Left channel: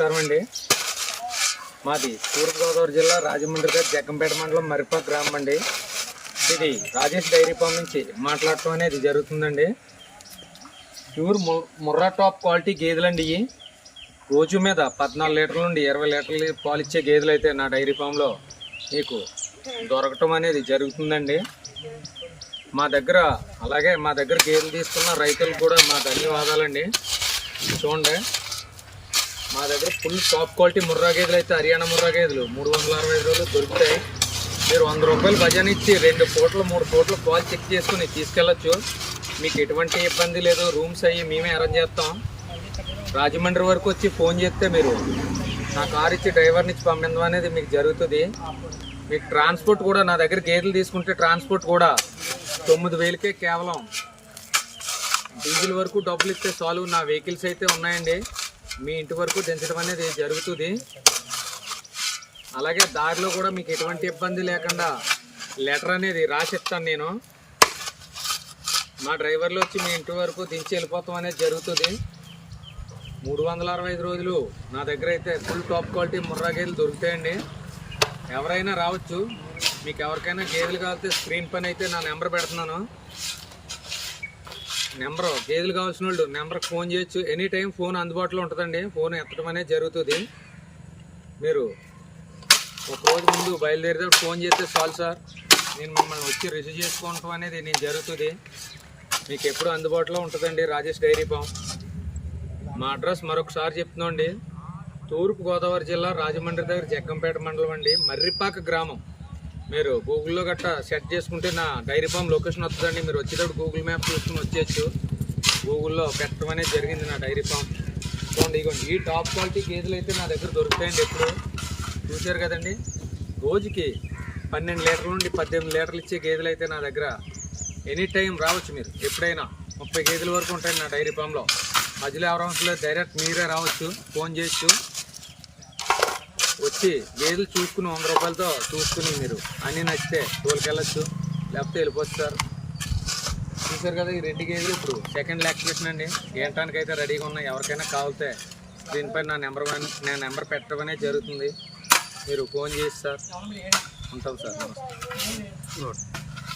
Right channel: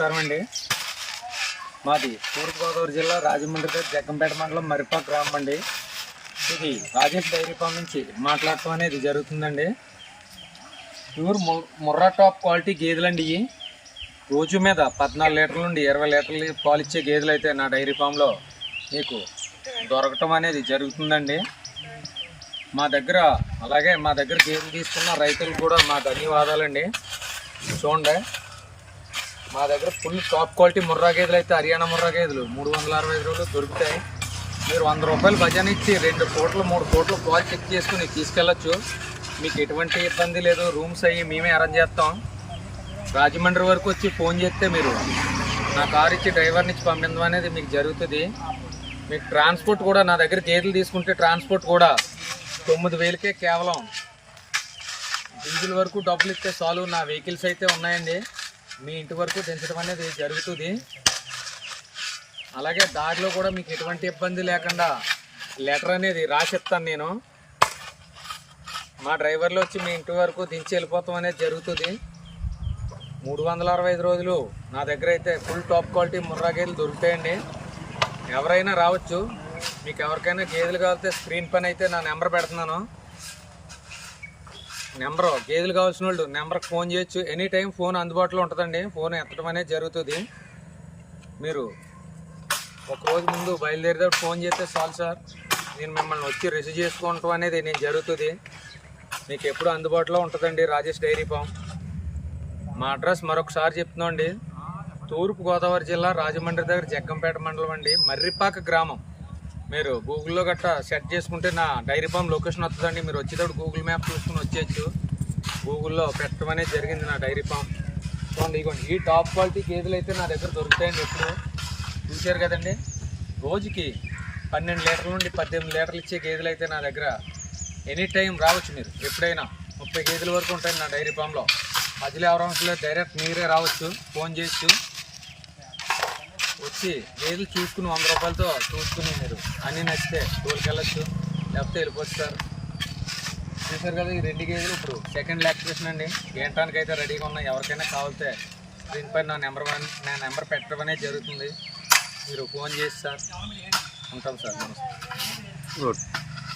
నమస్కారం అండి. మాది తూర్పుగోదావరి జిల్లా రాజమండ్రి దగ్గర జగ్గంపేట మండలం మరిపా గ్రామం అండి. ఇది రాజేష్ డైరీ ఫామ్ నుంచి మాట్లాడటం అనేది జరుగుతుందండి. ప్యూర్ ము- ముర్రా టాప్ క్వాలిటీ గేదెలండి ఇవి. రోజు మీద పద్నాలుగు లీటర్ల నుండి ఇరవై లీటర్లు పాలు ఇచ్చే గేదెలు అయితే నా డైరీ ఫామ్లో మీకు దొరకటం అనేది జరుగుతుందండి. మా దగ్గర అలాగే మా దగ్గర గేదెలు తీసుకున్న రైతులకు కూడా మా ధన్యవాదాలండి. చూడండి. మా దగ్గర ఫుల్ టాప్ క్వాలిటీ ముర్రా గేదెలు అయితే హర్యానా ముర్రా గేదెలు. మూడు వందల అరవై ఐదు రోజులు దొరుకుతాయి. మీరు వంద రూపాయలు భజన ఇచ్చి రెండు పూటలు మూడు పూటలు పాలు చెక్ చేసుకుని తీసుకెళ్ళచ్చు. మీకు ఎటువంటి ఇబ్బంది లేదు. రూమ్స్ అయ్యి మేమే అరేంజ్ చేస్తాం. రాజమండ్రి వరకు వచ్చి ఫోన్ చేస్తే మీరు నా కార్ ఇచ్చి డ్రైవర్ని ఇచ్చి పంపించడం అనేది మీకు జరుగుతుంది. మీకు ట్రాన్స్పోర్ట్ కూడా నా దగ్గర గేదెలు తీసుకుంటే ట్రాన్స్పోర్ట్ కూడా తొమ్మిది వేలకే కేవలం. డీజిల్ వరకు డబ్బులు ఇస్తే చాలు. నా వెహికల్స్ అయితే ఉన్నాయండి. మీ ఇంటి వరకు దించడం అనేది జరుగుతుంది. అలాగే దారిలో కూడా మీకు ఎటువంటి ఇబ్బంది లేకుండా లెటర్ అనేది రాసిస్తాను నేను. మా డ్రైవర్లు వచ్చి మీ ఇంటి వరకు దించి వెళ్ళిపోతాం అనేది జరుగుతుంది. మూడు వందల అరవై ఐదు రోజులు నా దగ్గర అయితే ఫుల్ టాప్ క్వాలిటీ ముర్రా గేదెలు దొరుకుతాయండి. ఎవరైనా రావచ్చు. మీకు ఎవరికైనా గేదెలు కావాలంటే స్క్రీన్ పని అయితే నా నెంబర్ పెడుతున్నాను. నెంబర్ గేదెలు కావాల్సిన వాళ్ళు నెంబర్కి ఫోన్ చేయొచ్చు. ఎనీ టైం ఫోన్ అందుబాటులో ఉంటుందండి. ఫోన్ ఎత్తడం అనేది జరుగుతుంది. మీరు ఒక రోజు ముందు బయలుదేరితే ఫోన్ చేస్తే చాలు సార్. నేను మిమ్మల్ని వచ్చి రిసీవ్ చేసుకోవటం అనేది నేను జరుగుతుంది. మీకు ఎప్పుడు అందుబాటులో ఉంటుందండి రాజేష్ డైరీ ఫామ్. మా అడ్రస్ మరొకసారి చెప్తున్నాండి తూర్పు గోదావరి జిల్లా రాజమండ్రి దగ్గర జగ్గంపేట మండలం అండి. మర్రిపాక గ్రామం. మీరు గూగుల్లో గట్టా సెట్ చేసుకుంటే నా డైరీ ఫామ్ లొకేషన్ వస్తుందండి. మీరు వచ్చేటప్పుడు గూగుల్ మ్యాప్ చూసుకుని వచ్చేయచ్చు. గూగుల్లో పెట్టడం అనేది జరిగింది నా డైరీ ఫామ్. చూడండి ఇగోండి ఈ టాప్ క్వాలిటీ గేదెలు అయితే నా దగ్గర దొరుకుతాయండి ఎప్పుడు. చూశారు కదండి? రోజుకి పన్నెండు లీటర్ల నుండి పద్దెనిమిది లీటర్లు ఇచ్చే గేదెలు అయితే నా దగ్గర ఎనీ టైం రావచ్చు మీరు. ఎప్పుడైనా ముప్పై గేదెల వరకు ఉంటాయి నా డైరీ ఫామ్లో. మధ్యలో ఎవరైనా డైరెక్ట్ మీరే రావచ్చు ఫోన్ చేయొచ్చు. వచ్చి గేదెలు చూసుకుని వంద రూపాయలతో చూసుకుని మీరు. అన్నీ నచ్చితే తోలుకి వెళ్ళొచ్చు లేకపోతే వెళ్ళిపోవచ్చు సార్. చూసారు కదా ఈ రెండు గేదెలు ఇప్పుడు సెకండ్ లాక్టివేషన్ అండి. ఏంటానికి అయితే రెడీగా ఉన్నాయి. ఎవరికైనా కావాలితే దీనిపై నా నెంబర్ వన్ నా నెంబర్ పెట్టడమనే జరుగుతుంది. మీరు ఫోన్ చేసి సార్. ఉంటాం సార్. నమస్తే. గుడ్.